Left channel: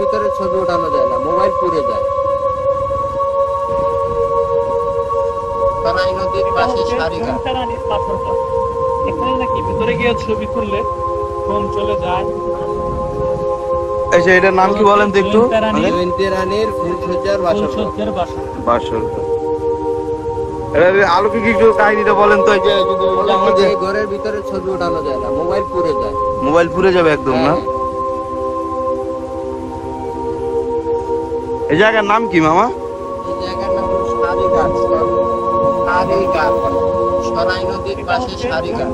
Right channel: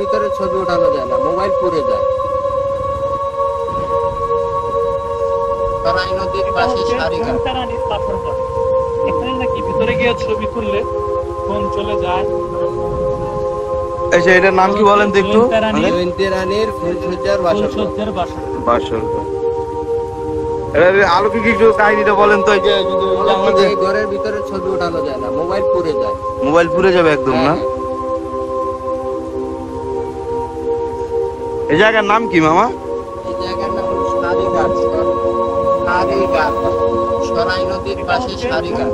ভিতরে ছবি ওঠানো যায় না, মোবাইল পুড়ে যায়। সরাই নদীর পাশে সারিঘাট। এখানে নাকি ভিতরে গিয়ে ছবি তুললে ফোন চলে যায়। এই যে এটার নাম কি বলেন তো একটু? জয়ন্তী রানীর ফুলসজ্জার বাসর। এর আলোকিক একটু কাহিনীটা বলেন তো। এই যে যদি ওই জানলাতে এই ঘরের ভিতরে ছবি ওঠানো যায় না, মোবাইল পুড়ে যায়। মোবাইল পুড়ে যাবে একদম না? হ্যাঁ। এই জায়গার নাম কি মামা? এই জায়গার নাম হলো সারিঘাট। সারিঘাট, সরাই নদীর পাশে সারিঘাট।